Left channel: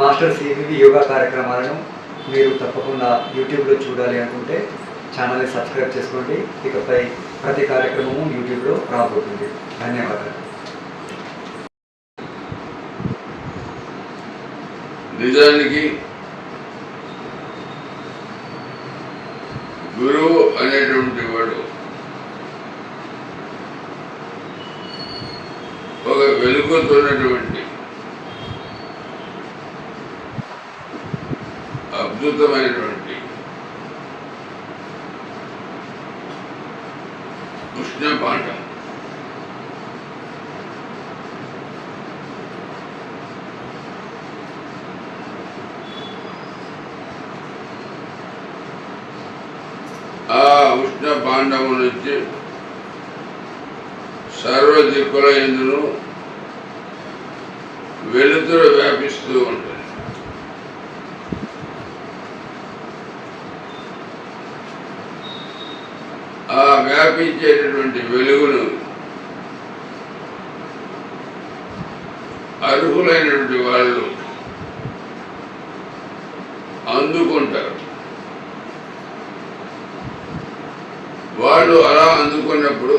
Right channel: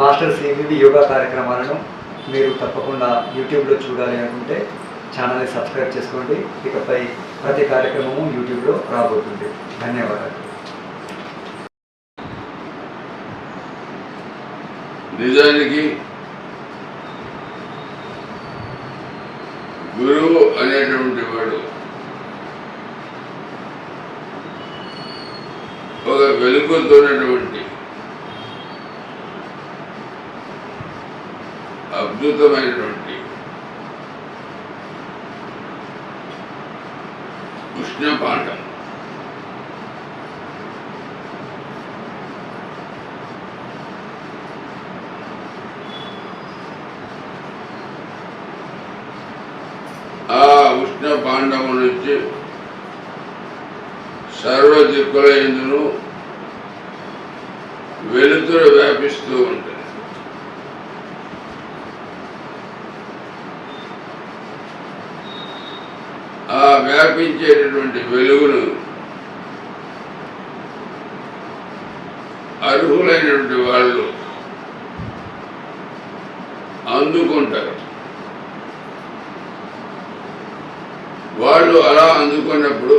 Master CVV yoga కార్యక్రమాలను మీరు తప్పకుండా యూట్యూబ్లో చూడాలి అనుకుంటే ఛానల్ని సబ్స్క్రైబ్ చేసుకోండి. ఇకపై ప్రతి కార్యక్రమము యూట్యూబ్లో రాబోతుంది. ధన్యవాదాలు. నిజానికి గురువు అనేటువంటి వాడు ఒక వెలుగుతున్నటువంటి వెలుతురు వ్యాపిస్తూ ఉంటుంది. ఆ వ్యాపించేటటువంటి వెలుగును అర్హులైనటువంటి వాళ్ళు అందుకుంటారు. వాళ్ళు అలా అందుకున్నప్పుడు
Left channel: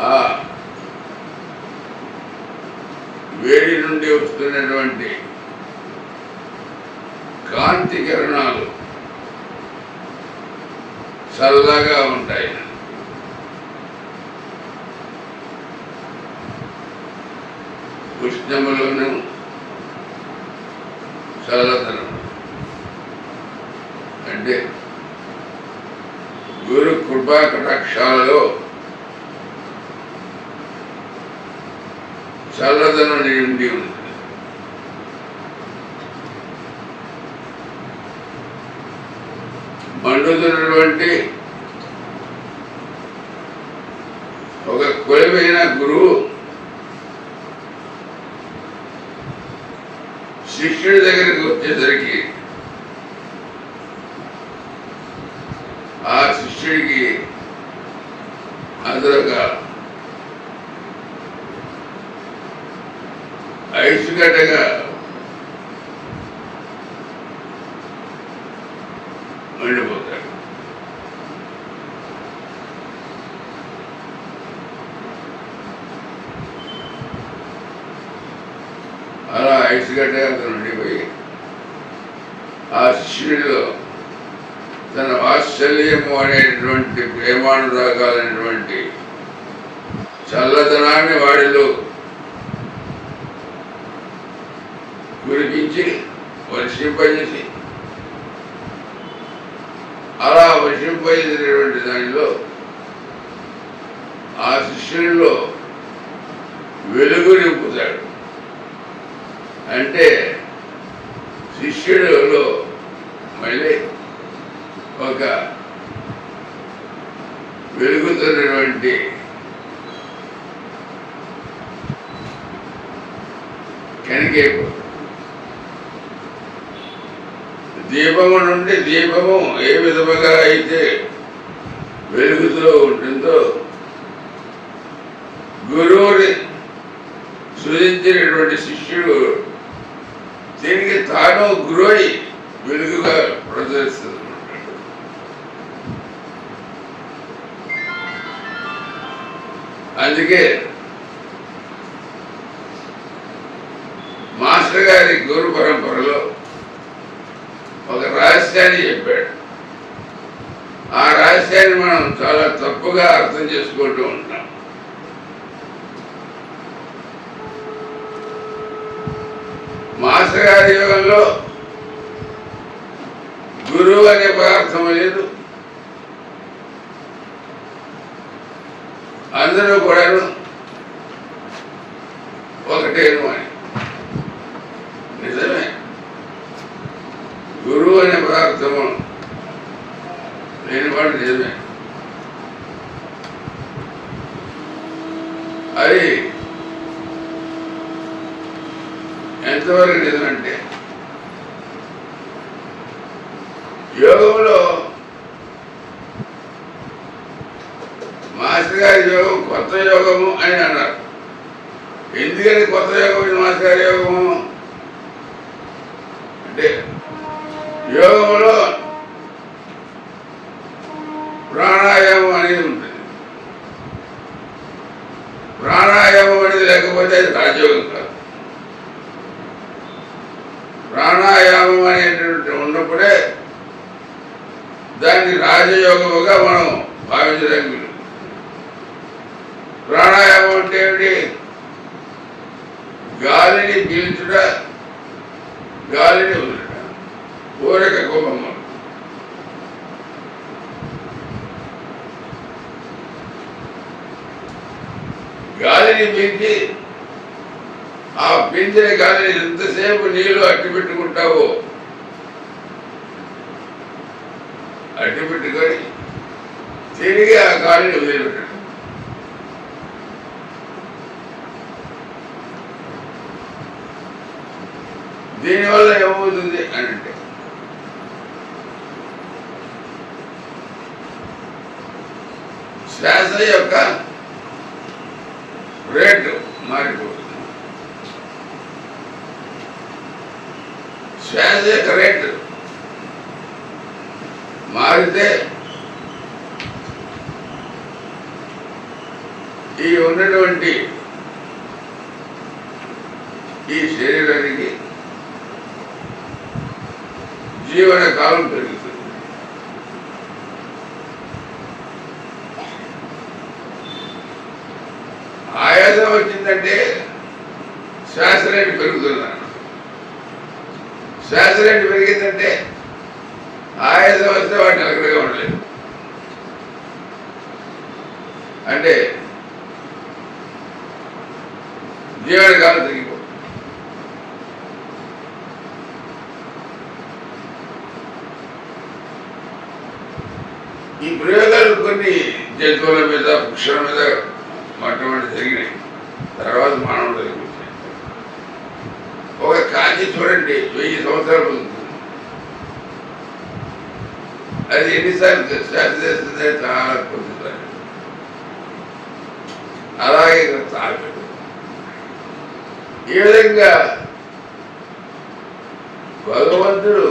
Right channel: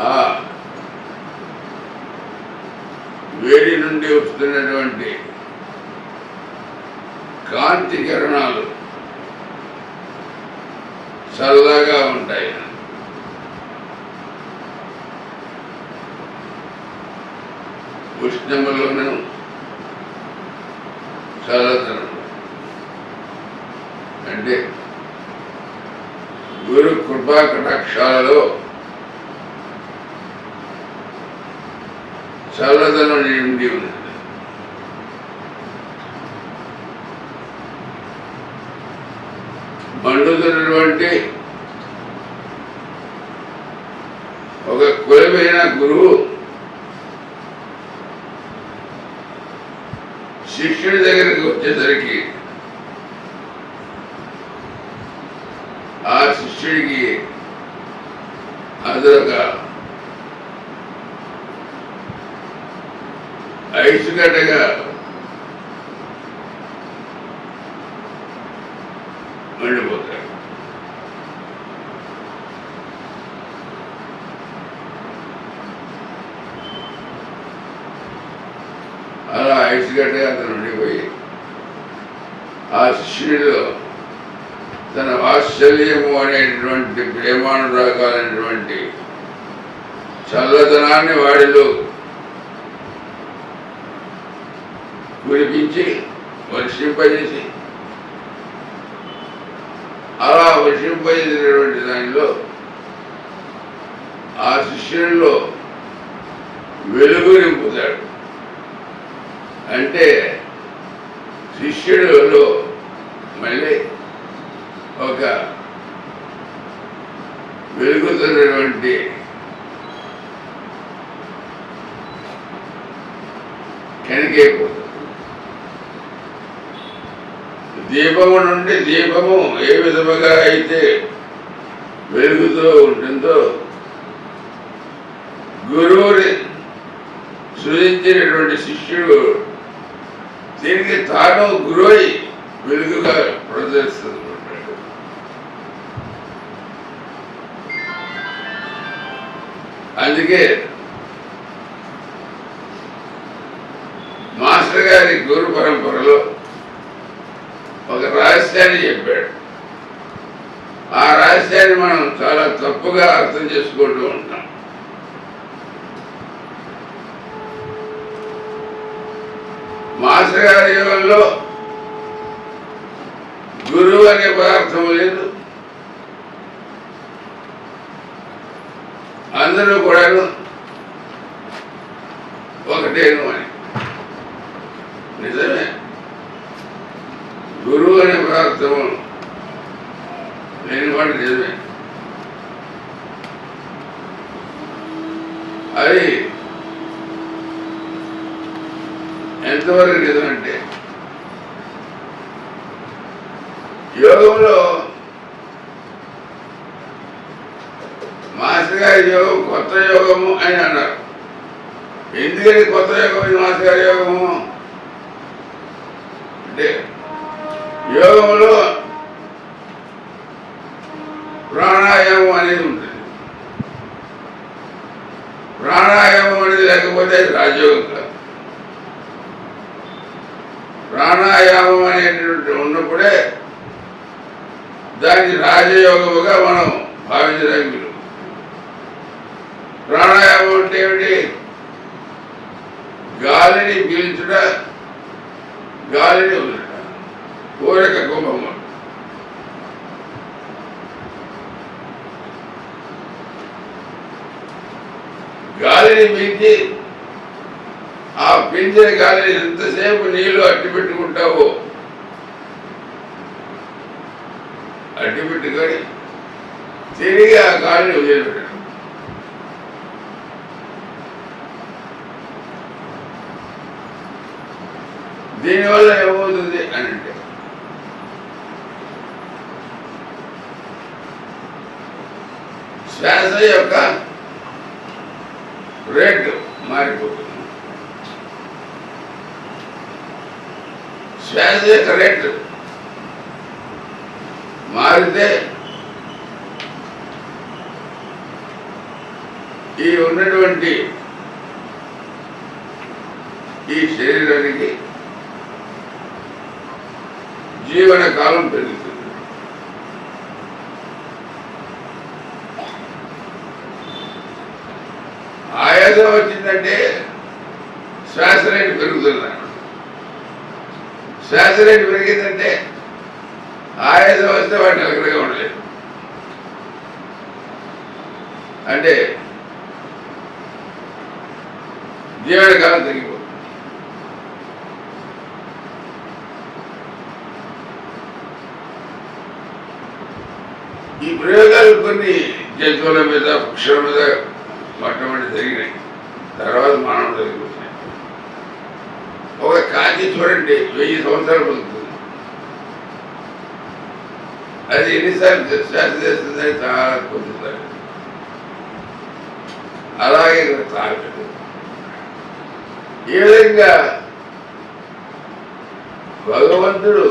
ఆ వేడి నుండి వస్తున్నటువంటి కాంతి కిరణాలు చల్లగా ఉంటాయి. ఉష్ణములోను చల్లదనం. అంటే గురు కృపా కటాక్షాలలో చల్లదనం నిండి ఉంది. మండుతున్నటువంటి ఒక కులమైన గురువు. శిష్యుడి దగ్గరికి వచ్చేసరికి ఆ శిష్యుడికి అదొక ఐసుగడ్డగా మండిపోతాడు అలా ఐసుగడ్డగా ఉండిపోయి ఆ శిష్యుడిలో తన వాత్సల్యము అనేటువంటి ప్రేమానురాగాలైనటువంటి చల్లదనాన్ని వాడిలో కురిపించి వర్షింపజేసి అలా వర్షింపజేసినటువంటి దానిలో ఆ శిష్యుల్లో వెలుగు నింపుతాడు. అంటే శిష్యుడులో మళ్ళీ ఒక వెలుగుతున్నటువంటి కనికైపోతుంది దీపము నుండి దీపము ఏ విధముగా అయితే వెలుగుతూ ఉంటుందో గురువుని సృజించినటువంటి శిష్యుడు దీనికి తాను గురువై వెలుగుగా ప్రదర్శిస్తుంటాడు అందుకే మాస్టర్ గారి గురు పరంపరలో ఒక రహస్యాన్ని చెప్పాడు. ఆ రహస్యాన్ని మనం చాలా తప్పుగా అర్థం చేసుకుంటూ ఉంటాం. మాస్టర్ గారి యుగంలో గురువు అనే పదార్థం లేదు. అందరూ కూడాను ఒకటేను అని నిజమే. గురువు అనే పదార్థము లేని వాడు నిజమే అది ఎంతవరకు నిజమంటే యోగంలో మాస్టర్ గారి యోగం కొత్త యోగము అని అన్నారు. ఎందుకని కొత్త యోగం ఇది గారి యోగము? అంటే యోగంలో ప్రాణాయామం అనేది ఉంటుంది. ప్రాణాయామం అనేది లేకపోతే అది రాజయోగం కాదు ప్రాణాయామం అనేటువంటి ఉన్నప్పుడే దాన్ని రాజయోగముగా మనం భావించడానికి ప్రాణాయామం అంటే ఏమిటి? గాలిని పీల్చుట గాలిని వదులుట. కోరిక కుంభము గాలిని పీల్చి ఆ పింజే గాలిని ఎంతసేపు నీళ్ళు అట్టి పెట్టుకుంటావో? అట్టి పెట్టుకొని తిరిగి ఆ గాలిని వదిలిపెట్టడం. దీనివల్ల ఏమవుతుంది అని అంటే శ్వాస యొక్క రేటు మారిపోతుంది. శ్వాస యొక్క మారితే ఈ ఉన్నటువంటి ఈ శరీరానికి జీవన కాలం పెరుగుతుంది. ఆయాసం వచ్చిందంటే శ్వాస రేటు పెరుగుతున్నారు శ్వాస రేటు పెరిగిందంటే ఆయాసం వస్తే వాటిని అక్కడిగా ఉండలేదు అంటే జీవనకాలం తగ్గిపోతుంది. ఈ ప్రయోగాలు కొన్ని జంతువుల మీద పక్షుల మీద మొట్టమొదటి జరిగినాయి. తర్వాత మానవుడు అది చూడండి వెయ్యి సంవత్సరాల ముందు. అది ఎన్నిసార్లు శ్వాస చేస్తుంది చాలా పొందుతారు అలాగే ఇక్కడ తాగదు ఈ విధంగా భగవంతుడు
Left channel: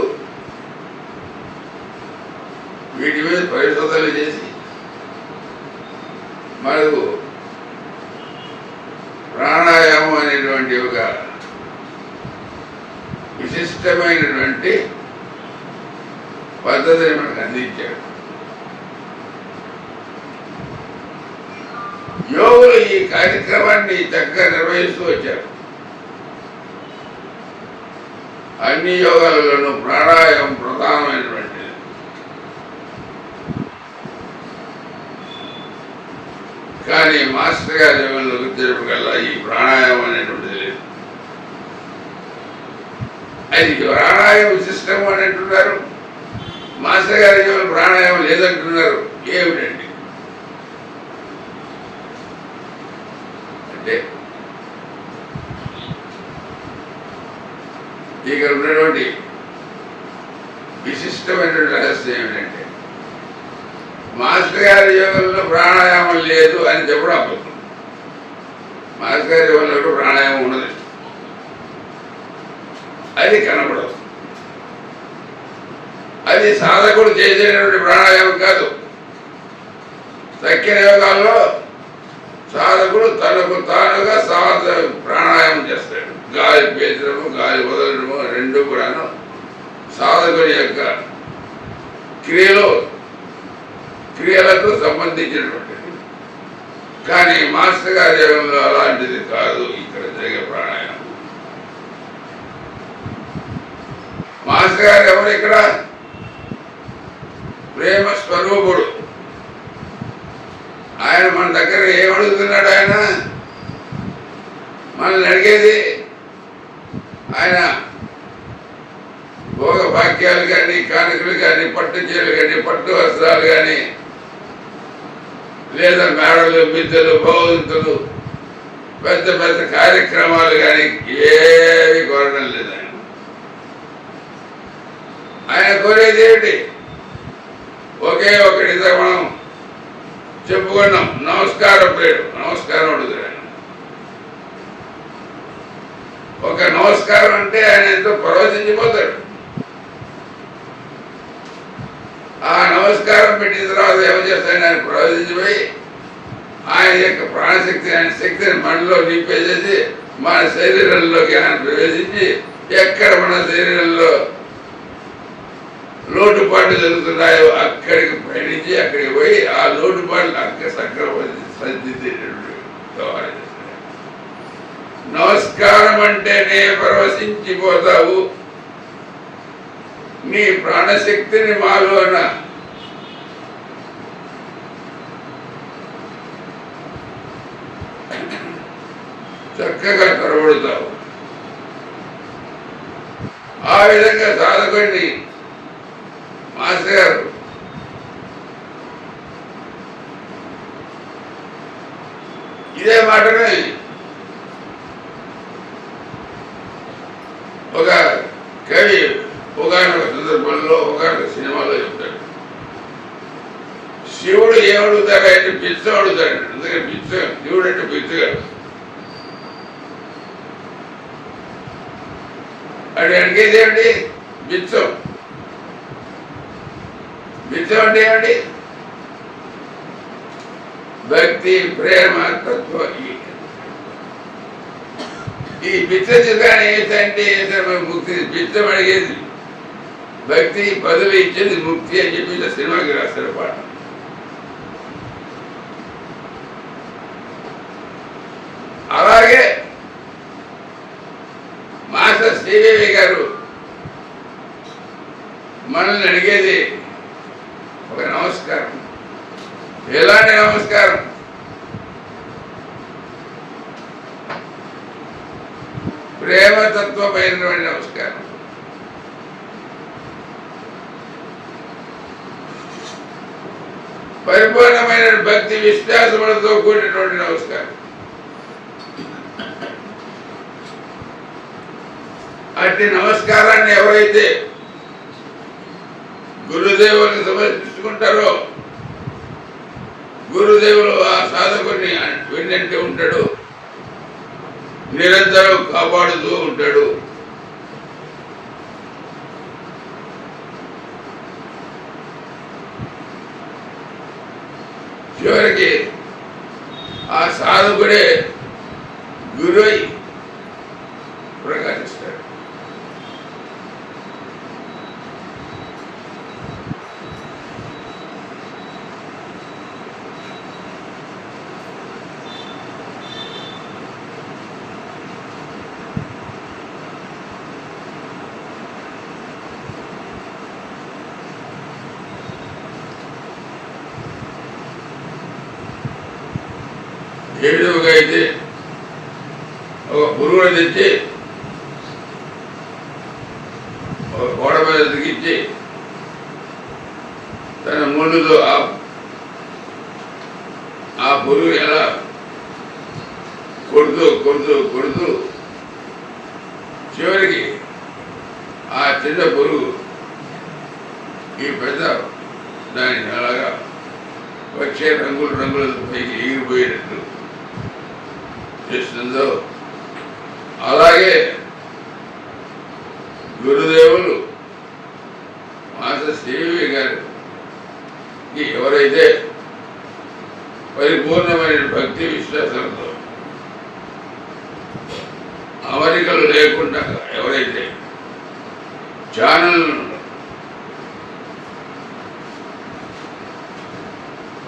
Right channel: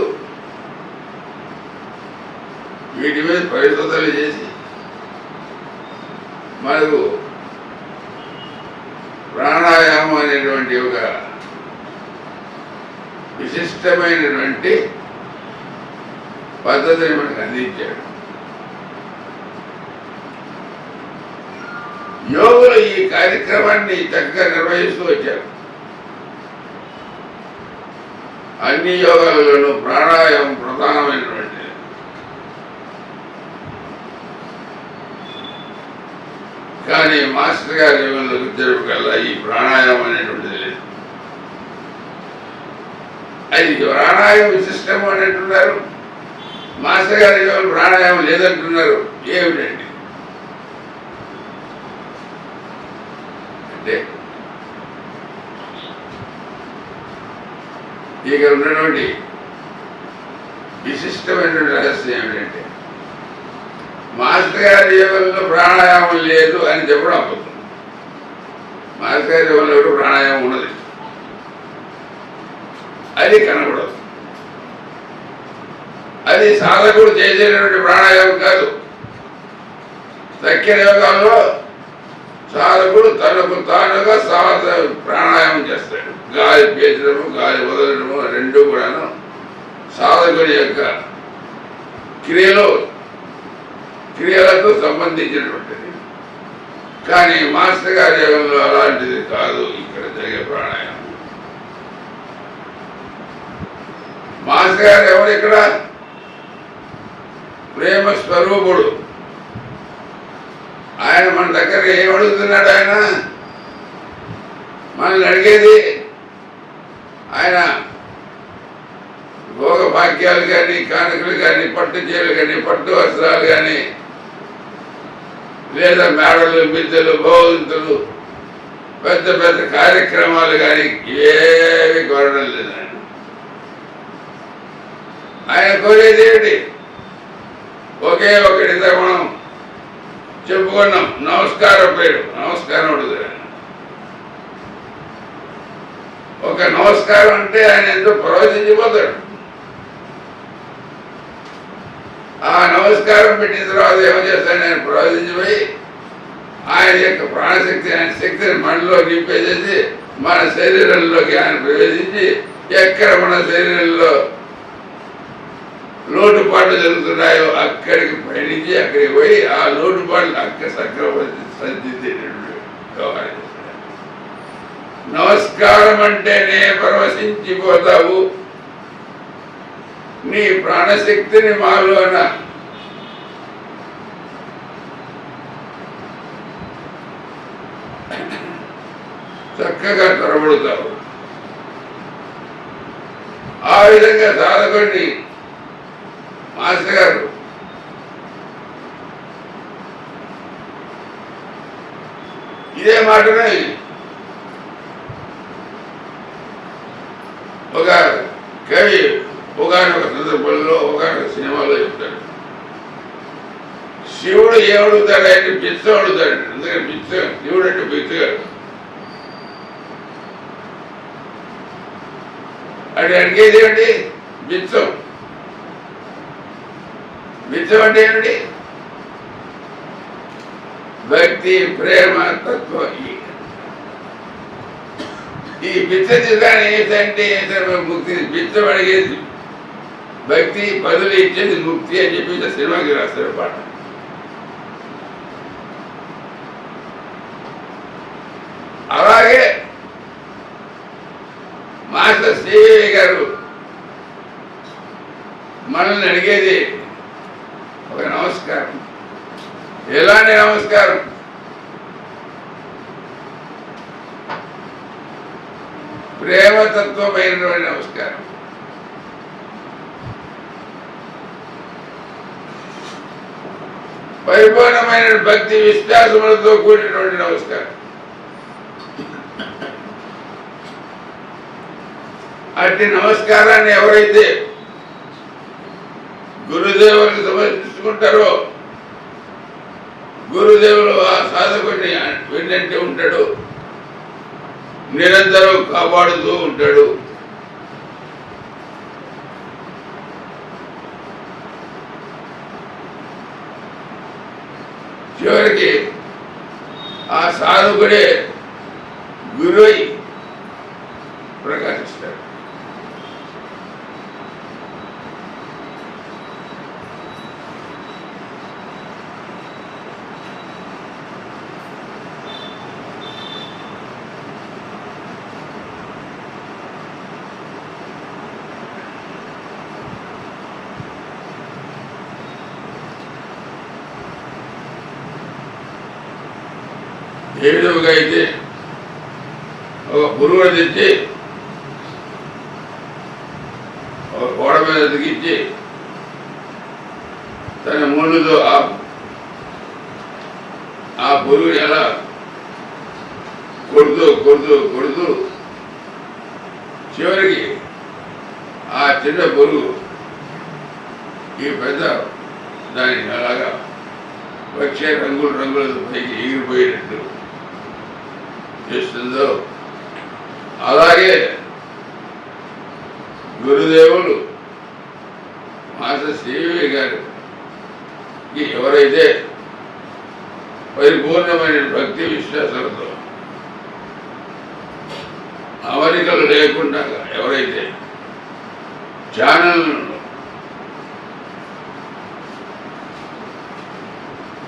వీటి మీద పరిశోధనలు చేసి మనకు ప్రాణాయామం అనేటువంటి ఒక విశిష్టమైనటువంటి పద్ధతిని మనకు అందించాడు. యోగులు ఈ కార్యక్రమాన్ని చక్కగా నిర్వహిస్తూ వచ్చారు. అన్ని యోగాలలోనూ ప్రాణాయామం ప్రధానమైనటువంటిది. కానీ మాస్టర్ గారి యోగంలో వచ్చేటప్పటికల్లా ఈ ప్రాణాయామం అనేటువంటిది అది ప్రాణాయామ సిస్టమ్ అని అంటున్నారు మాస్టర్ గారి యోగం ప్రాణాయామం లేదంటున్నారు. ఏమిటండి? అంటే ఇక్కడ ఉన్నటువంటి విశిష్టమైనటువంటి రహస్యం ఏమిటంటే మాస్టర్ గారి యోగంలో ప్రాణాయామం లేదు అని చెప్పడం అబద్ధం. మాస్టర్ గారి యోగంలో ప్రాణాయామం ఉన్నది అది కనబడదు. అది సాధకుడు చేసేటువంటి ప్రాణాయామం కాదు. సఖ్య యోగాల్లో సాధకుడు తనకు తానుగా సాధ ప్రాణాయామం చేస్తాడు. గాలి పీల్చడము గాలి వదలడము రెండు కూడాను సాధకుడి యొక్క క్రియలో క్రియలకు సంబంధించినటువంటిది. కానీ మాస్టర్ గారి యోగంలో అలాంటిది కాదు. ఇక్కడ జరిగే ప్రాణాయామం. మాస్టర్ గారు ఎవరు ఇక్కడ? ప్రేమ స్వరూపుడు. ఆయన మన దగ్గర ఏమడుగుతున్నాడు ఆయన? మనల్ని అడిగేది ఆయన భోగభాగ్యాలు కానీ కానుకలు కానీ పట్టు చీరలు కానీ పట్టు వస్త్రాలు కానీ లేదా మేడలు మిద్దెలు భోగంతులు పెద్ద పెద్ద కార్యక్రమాలు కానీ ఏవి కోరడం లేదు. ఆయన కోరేది ఏమిటి? ఒకే ఒకటి మనం చెప్పుకున్నాం. నమస్కారం పేరు. నమస్కారం అడుగుతాడు ఆయన ఒక నమస్కారం అంటే ఆయన ఎంతో ప్రవచించిపోతాడు. ఆ నమస్కారం పెట్టిన తర్వాత ఏం చేస్తాను ఆయన ప్రవచించిపోయి ఆయన యొక్క ప్రాణశక్తి ఆయన శక్తిని మనలో నింపేసేసి మన శరీరంలోకి ఆయన ప్రవేశించి ఎక్కడ మన శరీరంలో లోటుపాట్లు జరుగుతున్నాయో అక్కడికి పయనించి అక్కడికి పోయి ఆ లోటుపాట్లు అక్క సక్రమ సంచితేటటువంటి వ్యవహారం నమస్కారం అంటేనే పరవశించిపోతావు. నీ ప్రాణశక్తిని మాలోన చక్కగా తొరబడతావు ఆ విధంగా సాధకుడిని మాస్టర్ గారు ఇదే మాటనే ఒక కవి ఒకనొక సందర్భంలో ఒకనొక సినిమాలో చెప్తాడు. శివుడు ఏమడుగుతాడు అంటే బిచ్చం అడుగుతాడు అందుకని పిచ్చ శివుడు అంటే పిచ్చగాడు అది అడిగేది ఏమిటి? బిచ్చం బిచ్చం అంటే ఏమిటి? భక్తి ప్రేమ తత్వం ఈ. ఈ బిచ్చ ఏంటంటే ముక్తి బిచ్చం అడిగేది? భక్తి పదవి ఇచ్చేది ముక్తి అని చెప్పి సినిమాకి రాస్తారు పాట. అలాగే మాస్టర్ శ్రీదేవి గారు మనల్ని అడిగేది నమస్కారం. ఎలాంటి నమస్కారం? ప్రేమతత్వమైనటువంటి నమస్కారం. పరిపూర్ణమైన భక్తి విశ్వాసములతో కూడినటువంటి నమస్కారం. అట్టి నమస్కారాన్ని ఎవరైతే గురుదేవులకు సమర్పించుకుంటారో? గురుదేవులు ఆ సాధకుడిని వెళ్ళంటే ఉంటాడు నిరంతరం కాపాడుతూ ఉంటాడు. చివరికి ఆ సాధకుడే గురువై ప్రకాశిస్తాడు. ఏ విధముగా అయితే ఒక పురుగును తెచ్చి ఒక గోడ మీద దిగించి తన ముళ్ళుతో ఆ పురుగు ఎలా కొడుతూ కొడుతూ కొడుతూ చివరికి ఆ చిన్న పురుగు ఈ పెద్ద దాని అలాగా వచ్చే రంగులు రంగులతో పైకి ఎగిరిపోయేటట్టు చేస్తుందో. అలాగే గురుదేవులు మాస్టర్ శ్రీవి గారికి ఎవరైతే పరిపూర్ణమైన భక్తి విశ్వాసాలతో అమరికలు లేకుండా ఎవరైతే ఛానల్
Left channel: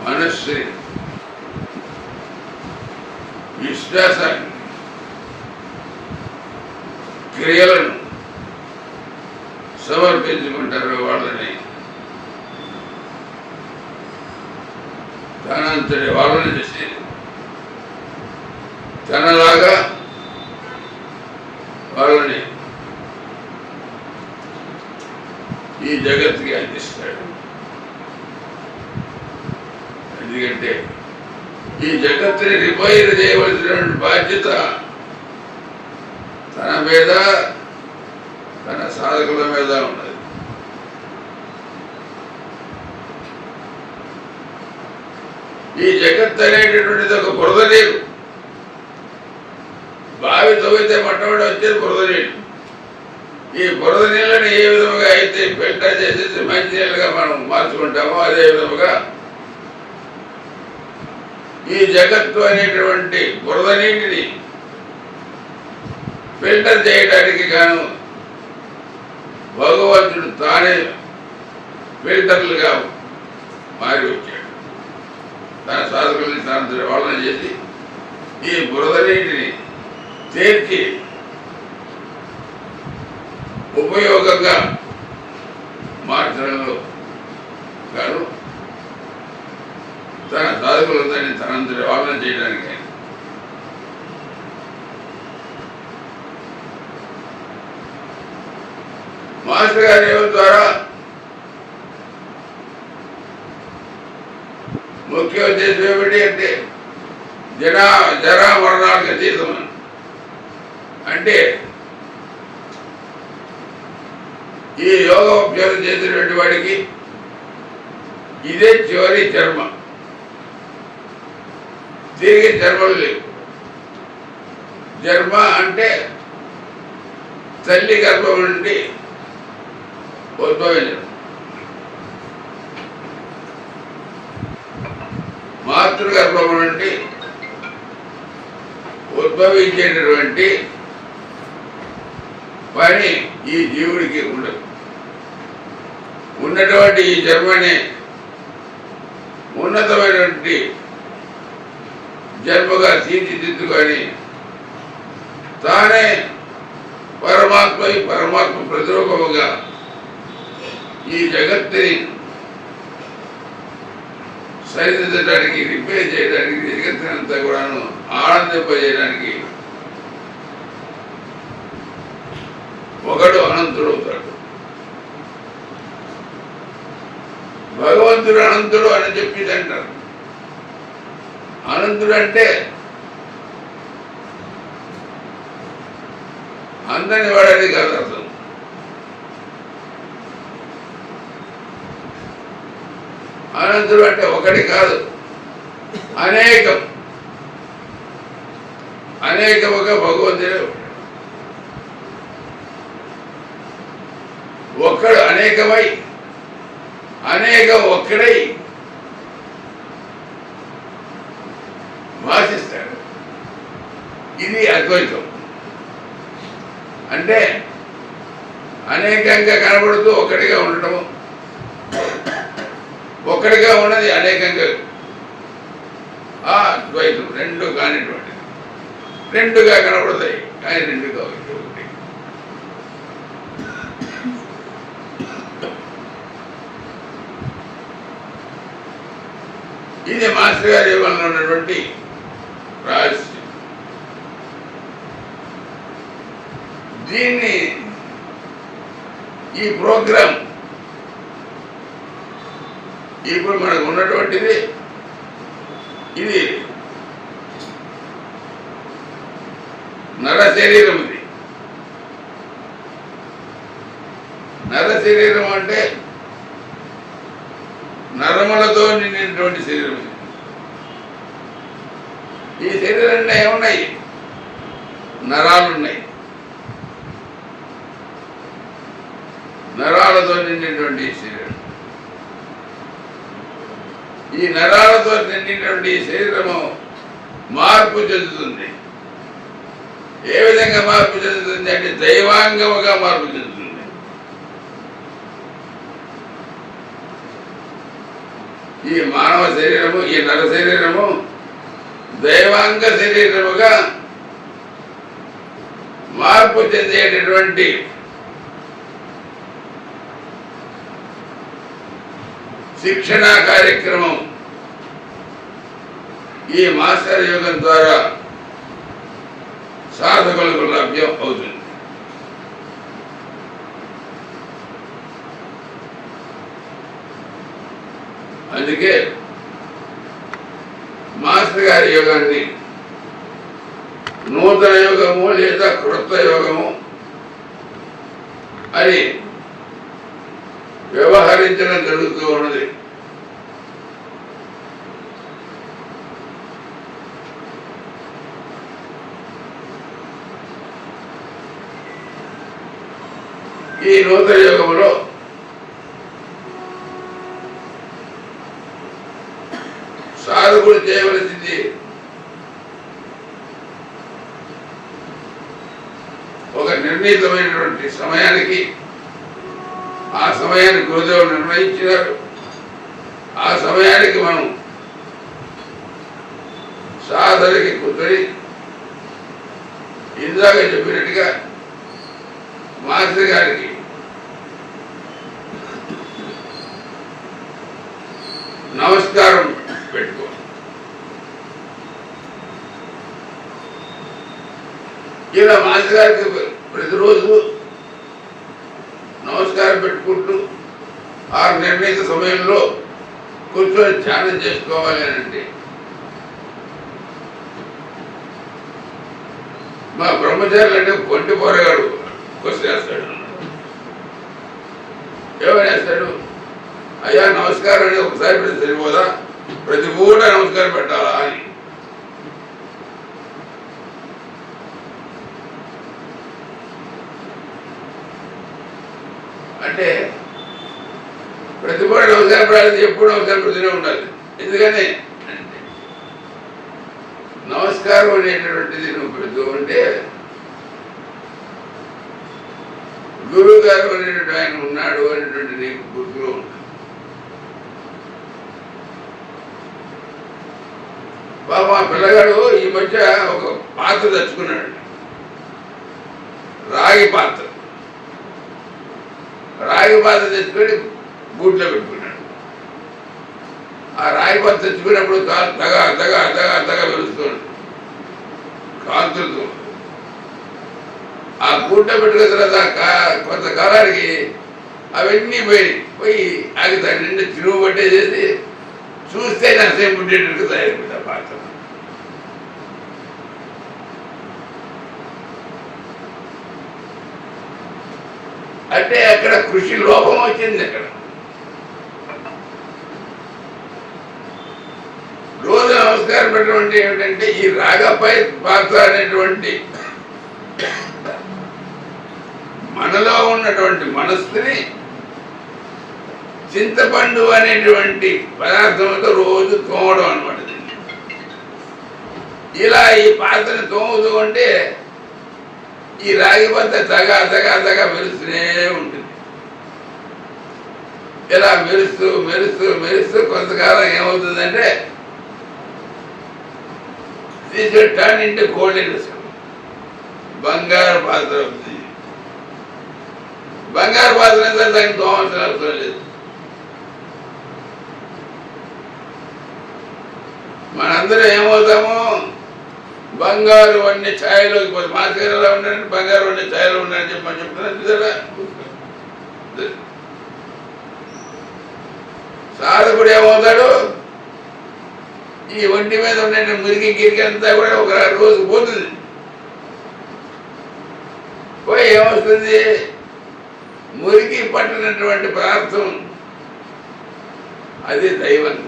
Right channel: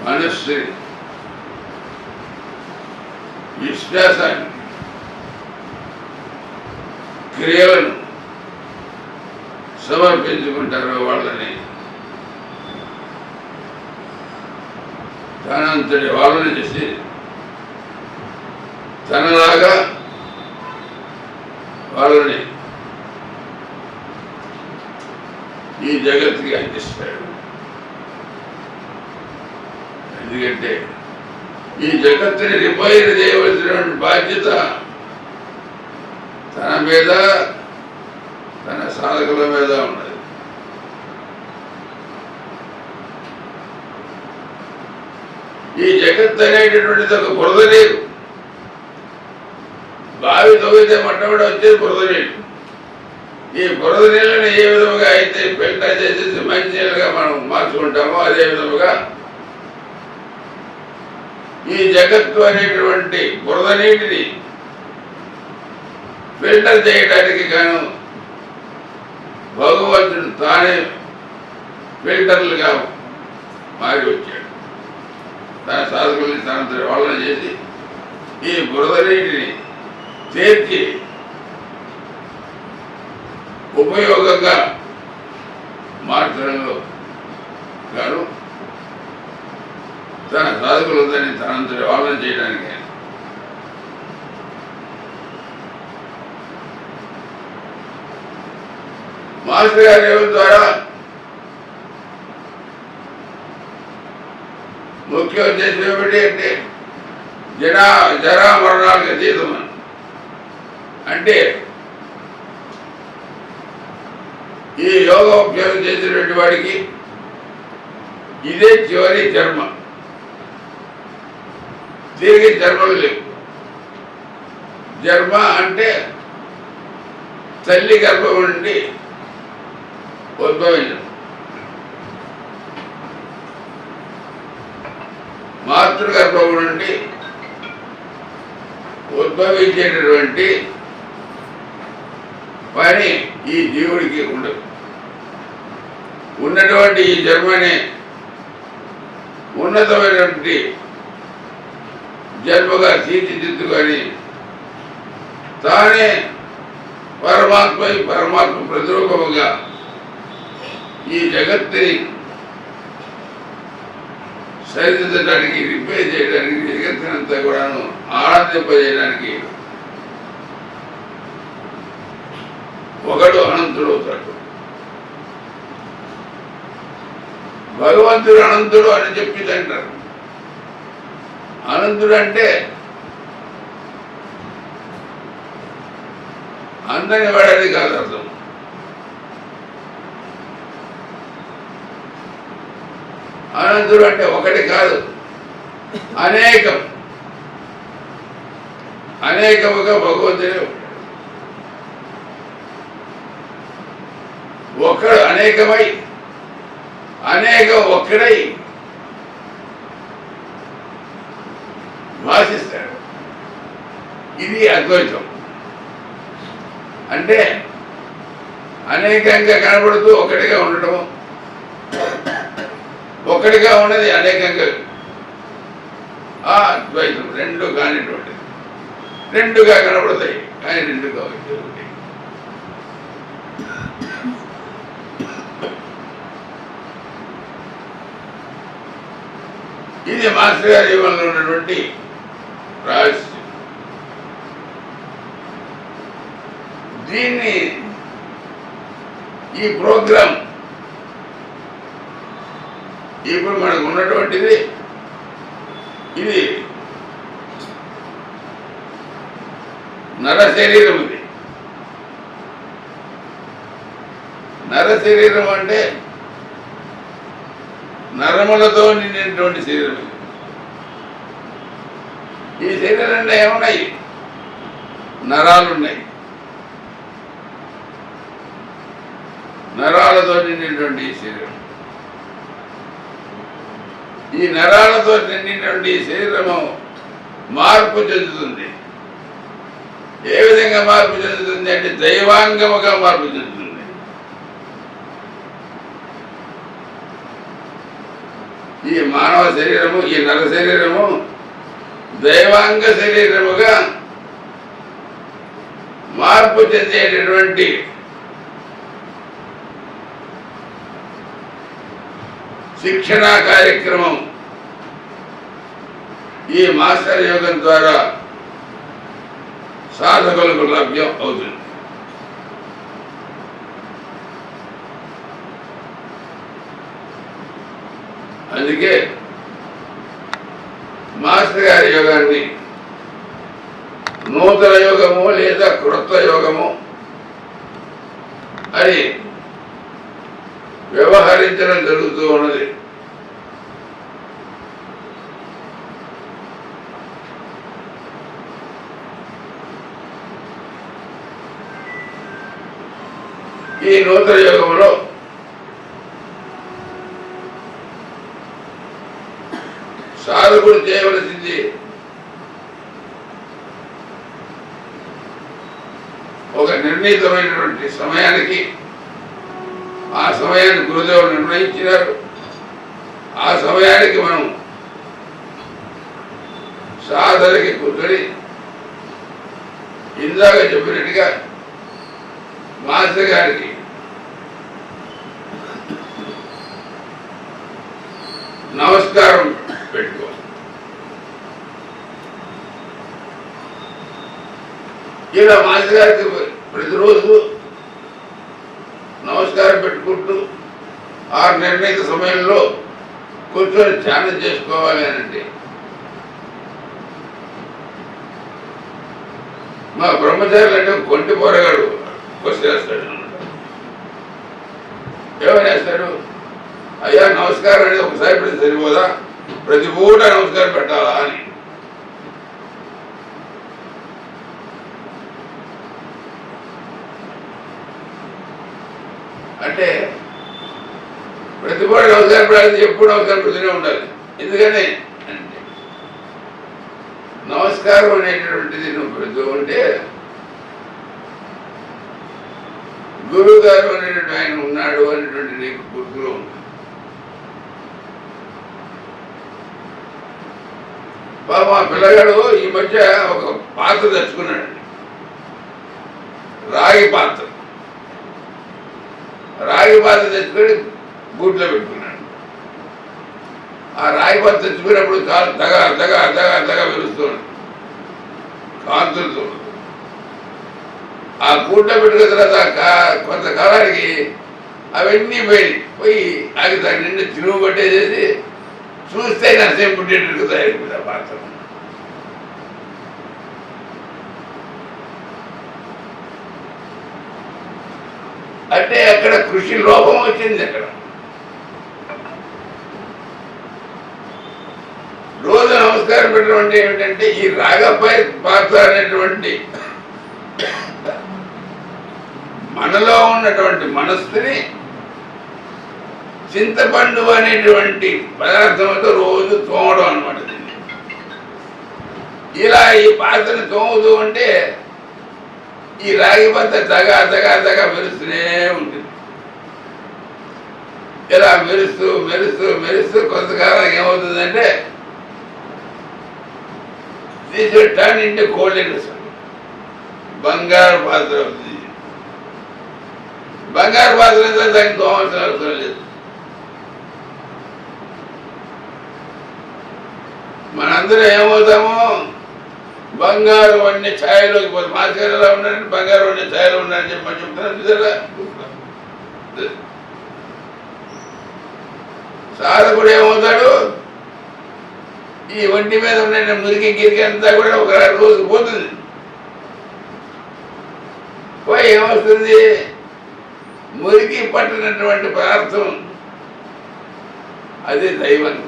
మనస్సుని విశ్వాసాన్ని క్రియలను సమర్పించుకుంటారు వాళ్ళని. తనంతటి వాళ్ళని చేసి తనలాగా వాళ్ళని ఈ జగత్తుకి అందిస్తాడు. ఎందుకంటే ఈ జగత్తుని రిపైర్ చేయవలసినటువంటి బాధ్యత తన మీద తన సాధకుల మీద ఉన్నది. ఈ జగత్ అనేటటువంటిది ఒక బురద నీరు. బావి తవ్వితే మొట్టమొదటి వచ్చేది బురద నీళ్ళు ఈ బురద నీళ్ళని ఏ విధముగా అయితే ఫిల్టర్ చేసేసి మంచి నీళ్ళుగా మనం మార్చుకుంటామో అదే విధముగా ఈ జగత్తు అనేటువంటి బురద నీటిని ఫిల్టర్ చేయడానికి గాను భగవంతుడు తానే ఫిల్టర్లుగా మారి వచ్చాడు. తన సాధకుల్ని తన వాళ్ళని చేసి ఈ బురద నీటిని చేర్చి ఉపయోగంగా మార్చడంలో గాను తన సాధకులందరినీ తనంతటి వాళ్ళని చేయడానికి. మాస్టర్ గారి ఎవరి ద్వారా ముఖ్య ఉద్దేశం ఏమిటి అంటే జనా జరా మరణాలకు అతీతమని. అంటే ఈ యోగోపచారం చేసినటువంటి వాడికి ఇదే చివరి జన్మ దీనికి జన్మలు లేవు జన్మ అంటే తల్లి గర్భం నుండి ఉద్భవించడం. మాతృగర్భం నుండి ఉద్భవించేటటువంటి పని ఈ జీవుడికి ఉండదు. ఉన్నటువంటి ఈ జన్మనే ఉన్నతమైనటువంటి జన్మగా తీర్చిదిద్దుకొని తానే పరమాత్మ పరమాత్మ ప్రతిరూపముగా ఈ జగత్తుని సరిదిద్దడానికి రిపేర్ చేయడానికి జగత్తునంతా కూడాను ఆనందింపజేయడానికి ఒకడు అనంతుడు అవుతాడు. భగవంతుడు అనంతుడు అని చెప్పి అంటారు. అనంతుడు అంటే అందని వాడని కాదు అర్థం. అనంతుడు అంటే ఒకటి కాదు. అనేకం. అనేకముగా భగవంతుడే ఉంటాడు. ఒక్కడు అనేకమై అనేక ఒక్కడై భాషిస్తాడు. ఇది అద్వైతం. అంటే అనేకంగా కనబడుతూ ఒకటిగా ఉండటము. ఒకటిగా ఉన్నది అనేకంగా. ఆ ద్వైతం రెండు కానిటువంటిది. రెండుగా కనబడతాయి కానీ రెండుగా ఒకటి ఒకటి. ఇది మాస్టర్ గారి జీవనంలో ఉన్నటువంటి రహస్యం దీన్ని ఈ ప్రోగ్రాం ఇప్పుడు మనకు ఉన్నటువంటిది ఇది నర శరీరం ఇది. నర శరీరం అంటే నరములతో నిండినటువంటి శరీరం ఇది. ఈ శరీరంలో ఏమున్నాయి? నరాలు ఉన్నాయి నరాలతో నిండినటువంటి ఈ శరీరం. ఈ నరాలతో నిండినటువంటి ఈ శరీరము మార్పు చెందుతుంది. ఏ విధంగా మార్పు చెందుతుంది అంటే దైవాంగముగా మార్పు చెందుతుంది. ఈ మానవ శరీరము ఈ నర శరీరము దైవాంగ శరీరముగా మార్పు చెందేటటువంటి శిక్షణా కార్యక్రమం ఈ మాస్టర్ యోగం ద్వారా సాధకులకు లభ్యం అవుతుంది. అందుకే మాస్టర్ గారి యోగాన్ని నూతన యోగము లేదా క్రొత్త యోగము అని వ్యవహరించడం జరుగుతూ ఉన్నది. ఈ నూతన యోగంలో చేయవలసింది ఒక నిర్ణీతమైనటువంటి సమయానికి ఆ సమయాన్ని గురుదేవుడు నిర్ణయించినారు ఆ సమయానికి మనం సాధనకి కూర్చొని ఇందాక చెప్పినట్టుగా మాస్టర్ గారికి నమస్కారం ఇలా మాస్టర్ గారికి ప్రతిరోజు నమస్కారం పెట్టుకుంటూ ఆ నిర్ణీత సమయంలో కూర్చొని ధ్యానం చేసుకోవాలి అనండి. మా బ్రహ్మచారులు అంటే కొంటి పోరగాడు క్వశ్చన్ వేస్తాడు వేస్తాడు? అయ్యా నమస్కారం అనేది ఒకసారి పెడితే సరిపోదా? ప్రతి పూట నమస్కారం పెట్టాలా అని అంటే ప్రతి కనపడాలి ఎప్పుడు కనపడుతూనే ఉండాలి. ఎందుకని? అంటే నమస్కారం అనేటటువంటిది నువ్వు పెడుతూ ఉంటే గురువు గారు అనేటువంటి ఆయన ఉన్నాడు అనేటువంటి నీకు గుర్తులో ఉంటుంది. బాబు ఆ పిల్లగాడు ఈ మధ్య ఒక పాత్ర తెచ్చుకున్నాడు. రాగి పాత్ర. రాగి పాత్ర తెచ్చుకొని గూట్లో పెట్టుకున్నాడు. ఆ రాగి పాత్ర కాలు తగ తగ తగ తగ వెలుస్తుంది కాంతులతో ఆ కూట పెట్టుకున్న తర్వాత కా- కొంతకాలానికి అవన్నీ పోయి పోయి అది దాని నిండి తిరుగు పట్టేసేసి చూస్తే నరసేపు పుట్టేటట్టు తయారైపోయింది ఆ పాత్ర. అంటే అక్కడ కృషి లోపం వచ్చింది అక్కడ. రోజు నమస్కారం పెట్టడం ఏమిటంటే ఈ రాగపై పాత్ర అనేటువంటి మనలో ఉన్నటువంటి మనస్సుని చింతపండు అనేటువంటి పదార్థంతో రోజు తోమడం అనమాట ఇలా ఈ పాత్రను తోముతూ ఉంటే ఈ రాగి బద్ద తగా తగా తగా మెరుస్తూనే ఉంటుంది. ఇలా మెరుస్తూ మెరుస్తూ మెరుస్తూ కొంతకాలం ఏమవుతుందంటే దీస్ టర్న్ ఇంటి కోల్డ్ బంగారు పాత్ర అవుతుంది బంగారు పాత్ర అయితే దానికి తోమాల్సిన అవసరం లేదు మనందరం ఏమవుతాము? బంగారు అన్ని ఛాయలోకి పోతే మాస్టర్ ఎలా ఉండాలని బంగారు అన్ని ఛాయలో ఉండాలని చెప్పి మనం చెప్తున్నాం. సాధకుడు ఏమవుతాడు? ఈ ఒంటి మీద ఉండే మురికి గిరికి అంతా కూడా ఒక రోజు పోతుంది. పోయి ఏమొస్తుంది? మురికి పట్టినటువంటి పదార్థం. అది దైవంగం.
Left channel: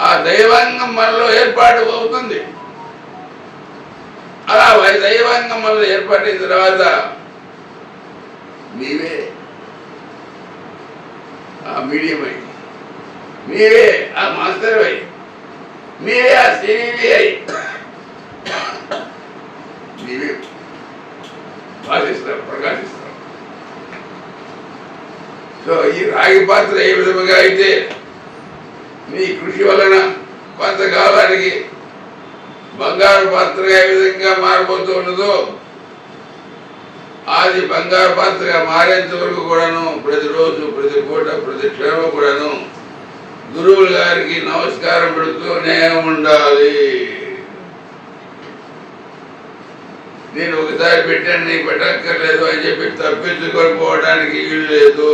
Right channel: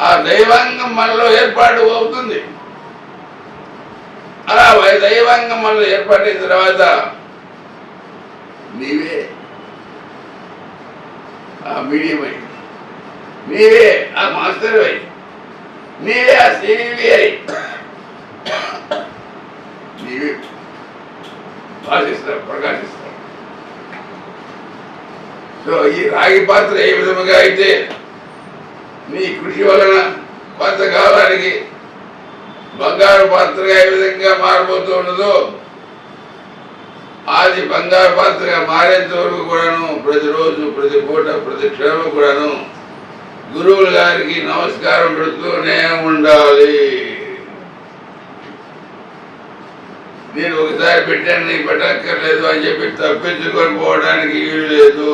ఆ దైవాంగం మనలో ఏర్పాటు అవుతుంది. అలా దైవాంగం దైవంగం మనలో ఏర్పాటైన తర్వాత నీవే ఆ మీడియం అయింది నీవే ఆ మాస్టర్ అయి. నీవే ఆ సివి అయి. నీవే. భాషిస్తావు ప్రకాశిస్తావు సో ఈ రాగి పాత్ర ఏ విధముగా అయితే నీ కృషి వలన కొంతకాలానికి బంగారు పాత్ర ఏ విధంగా మారిపోతూ ఉండదో అది బంగారు పాత్రగా మారేంత వరకు కూడాను ప్రతిరోజు ప్రతి పూట ప్రతి క్షణం కూడాను గురువుల గారికి నమస్కారం పెడుతూనే ఉండాలి. నేను ఒకసారి పెట్టాను నీకు పెట్టక్కర్లేదు అని చెప్పి తప్పించుకొని పోవడానికి వీలు లేదు.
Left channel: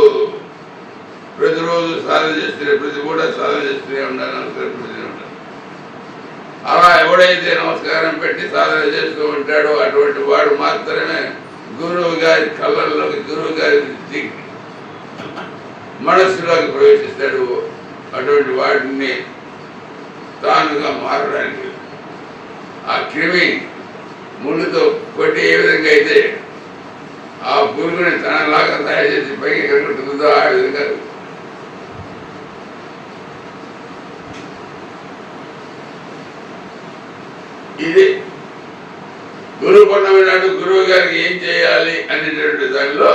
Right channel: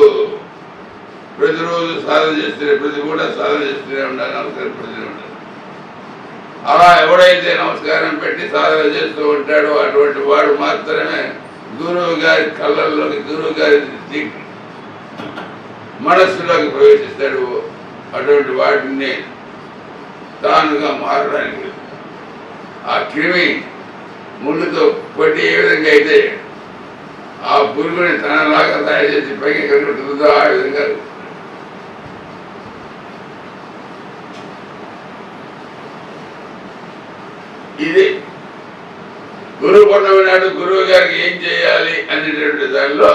ప్రతిరోజు సాధన చేస్తూనే ప్రతి కూడా సాధన చేస్తూనే ఉండాలి నమస్కారం పెడుతూనే ఉండాలి. అలా ఎవడైతే నమస్కారం పెట్టి సాధన చేస్తూ ఉంటాడో అటువంటి వాడు మాత్రమే గురువు గారి కళ్ళల్లోకి గురువు గారి మనస్సులోకి ప్రవేశిస్తాడు. అటువంటి వాటిని తానుగా మారడానికి ఆ క్రిమి ముళ్ళుతో కొట్టి ఏ విధంగా అయితే ఆ పురుగుని తనలాగా తయారు చేసి పైకి ఎక్కడుంటుందో ఆ విధంగా ఇది గురువు పౌర్ణమి నాడు గురువు గారికి ఏం చేయాలి అనేటువంటి దానిలో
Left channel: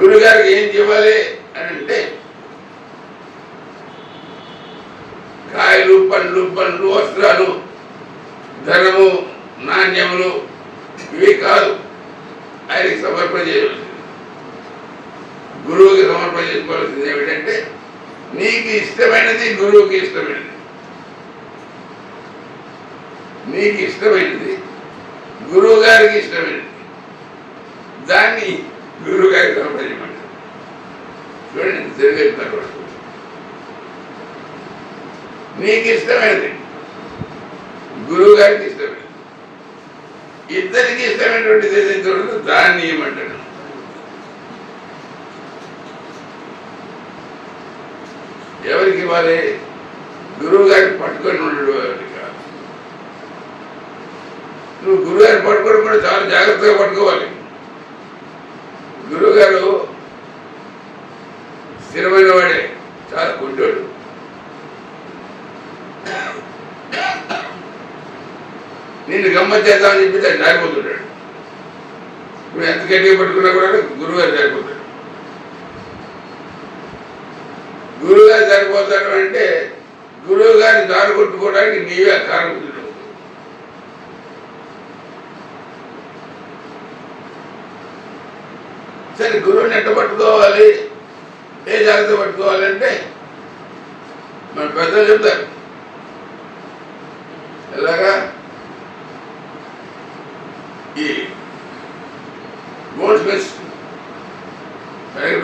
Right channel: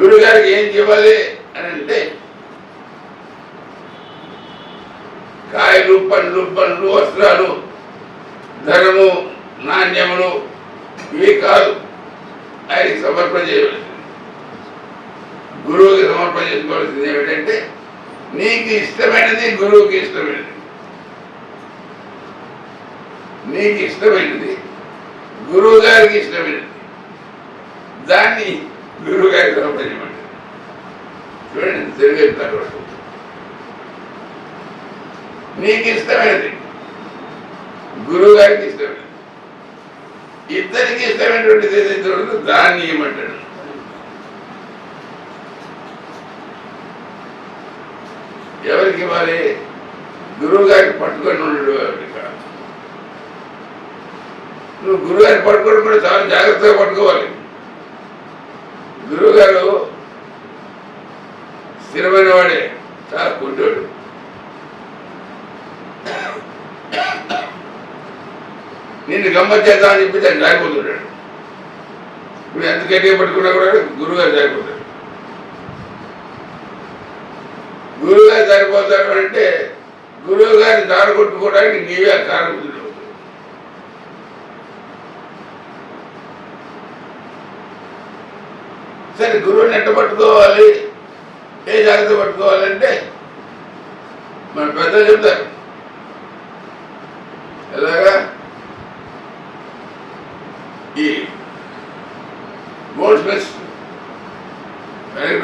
గురువు గారికి ఏం చేయాలి అని అంటే కాయలు పండ్లు పండ్లు వస్త్రాలు ధనము నాణ్యములు ఇవి కాదు. ఆయనకి సమర్పణ చేయవలసింది. గురువుకి సమర్పణ చేసుకోవాల్సింది ఏమిటంటే నీకు ఇష్టమైనది గురువుకి ఇష్టమైనది. నీకు ఇష్టమైనది గురువు గారికి ఇష్టమైనది. దాన్ని గురువు గారికి సమర్పించమండి చూడండి తిరిగేస్తారు నీకు ఇష్టమైనది. గురువు గారికి ఇష్టమైనది. ఇద్దరికి ఇష్టమైనటువంటిది ఏదైతే దాన్ని ఇవ్వమంటాడు ఎవరికి ఇవ్వాలి? గురువు గారికి పట్టుకొని ఉండడు ఎవరికి కాదు. నువ్వు గురువు గారిని పట్టుకోవడం కూడా చాలా జాగ్రత్తగా పట్టుకోవాలి. గురువు గారు స్థిరమైన వాడే చాలా కుంటోడు నిన్ను గమ్మత్ చేద్దామని చెప్పి దాన్ని జారిపోతుంటాడు. నువ్వు ఎంత గట్టిగా పట్టుకున్నా కూడా గురువు గారు జారిపోతాడు. గురువు గారు జారిపోతాడు అంటే గురువు గారిని దారి కొట్టుకోవడానికి నీవే కారణం సరే గురువుని ఎట్ట పట్టుకోవాలి? ఏ జాగ్రత్త పట్టుకోవాలంటే మన పెద్దలు చెప్తారు. ఎలాగా? ఈ గోల్డ్ స్మిత్స్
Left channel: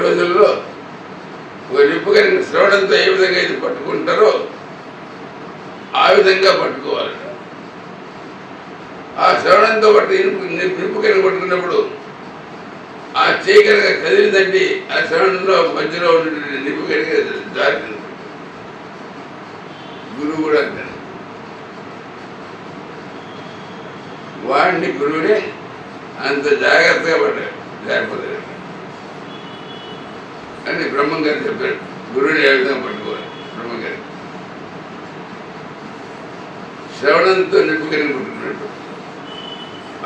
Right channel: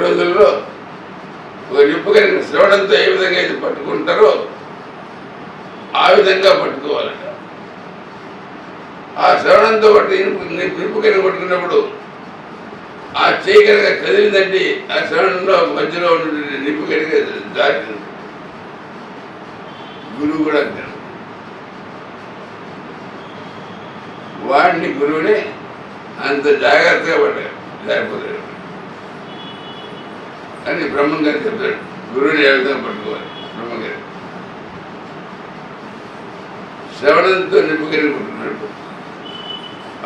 రోజుల్లో ఒక నిప్పు కనుక శ్రవణంతో ఏ విధంగా అయితే పట్టుకుంటారో ఆ విధంగా పట్టుకోవాలట. ఆ శ్రవణంతో పట్టి నిప్పు నిప్పు పట్టుకున్నప్పుడు ఆ చేయి కనుక కదిలిందంటే ఆ శ్రవణంలో మధ్యలో ఉన్న నిప్పు కలిగి జారి గురువు కూడా అంటాడు వాడిని గురువుని అంత జాగ్రత్తగా పడ్డాడు. జారిపోతాడు అని బ్రహ్మం గారు చెప్తాడు గురువుని ఏ విధంగా పట్టుకోవాలి? బ్రహ్మం గారు. శ్రవణంతో నిప్పుకెళ్ళి పట్టుకున్నాడు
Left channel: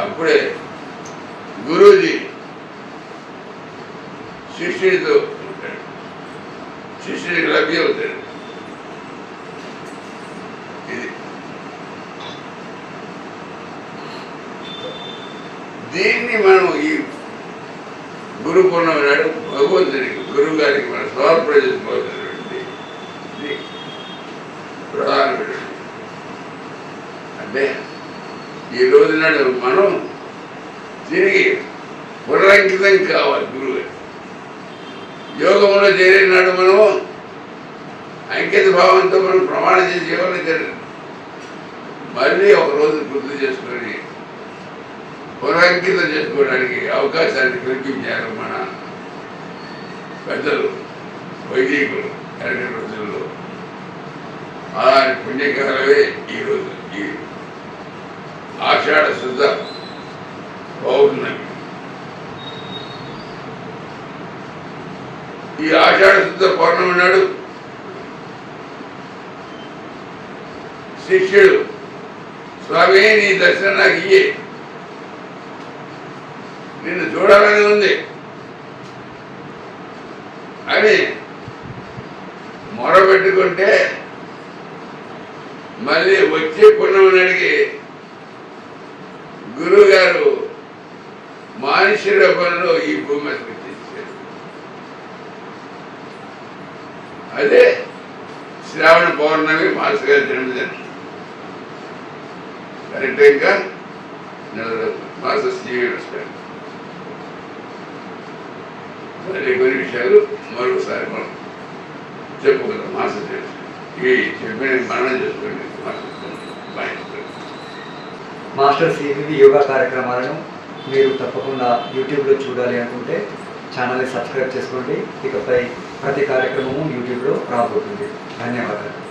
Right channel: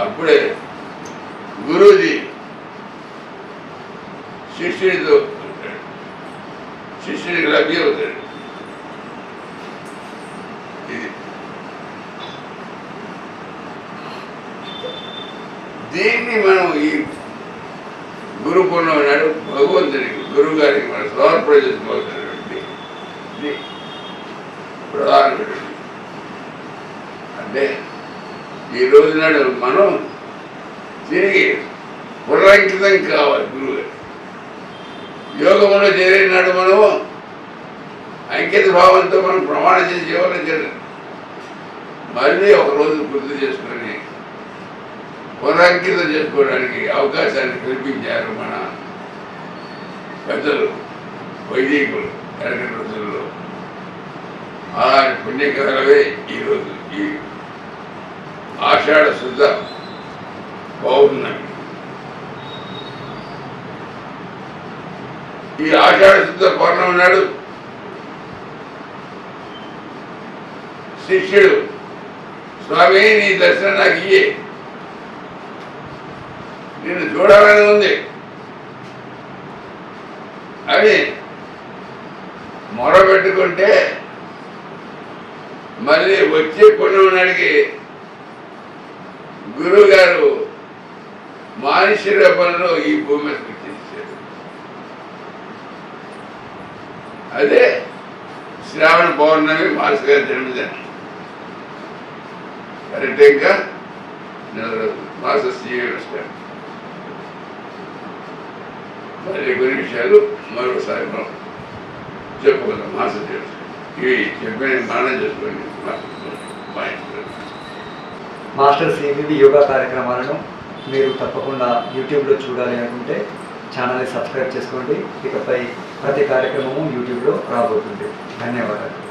అప్పుడే గురూజీ శిష్యుడు శిష్యుడికి లభ్య అవుతాడు. ఇది. దీన్ని మనం ఈ గురు పూర్ణమి నాడు భగవంతుడికి గురువు గారికి మనం సమర్పణ ప్రధానమైనటువంటి అంటే ఈ రోజు నాడు మనం తిరిగి పునరంకితం కావాలి గురువు గారు. యోగంలో చేరినాడు మనము. అంకిత భావంతో మనం ప్రమాణం చేసి జీవనం మళ్ళీ ఒకరోజు గుర్తు చేసుకొని పునరంకితం చేసుకోవడానికి అవకాశాన్ని కల్పించారు మన పెద్దలు వైదికులు ఎరటి రోజుల్లో అలాంటి పుణ్యకాలమే ఈరోజు ఈ ఆషాఢ శుద్ధ పౌర్ణమి. ఈ ఆషాఢ శుద్ధ పౌర్ణమి నాడు శిష్యుడు స్వామి నీ దర్శనం నాకు ఇయ్యే. నిన్ను చూడాలని ఉంది. అని మొరబెట్టుకుంటే మళ్ళీ వచ్చే పుణ్యమనాడికి గురువు గారు మానుష్య రూపంలో ఈ భూమి అదే శ్రావణ పౌర్ణమి మాస్ గారి జన్మదినం. ఇంకా నెల రోజులు. మాస జీవన వస్తాడు మరి కొన్ని విషయాలు మరొకసారి మనం చెప్పుకుందాం. మాస తెలుసు ఇవి చెప్పిన మనం చేసుకోండి. మాస్టర్ సివివి యోగా కార్యక్రమాలను మీరు తప్పకుండా యూట్యూబ్లో చూడాలి అనుకుంటే ఛానల్ని సబ్స్క్రైబ్ చేసుకోండి. ఇకపై ప్రతి కార్యక్రమము యూట్యూబ్లో రాబోతుంది. ధన్యవాదాలు.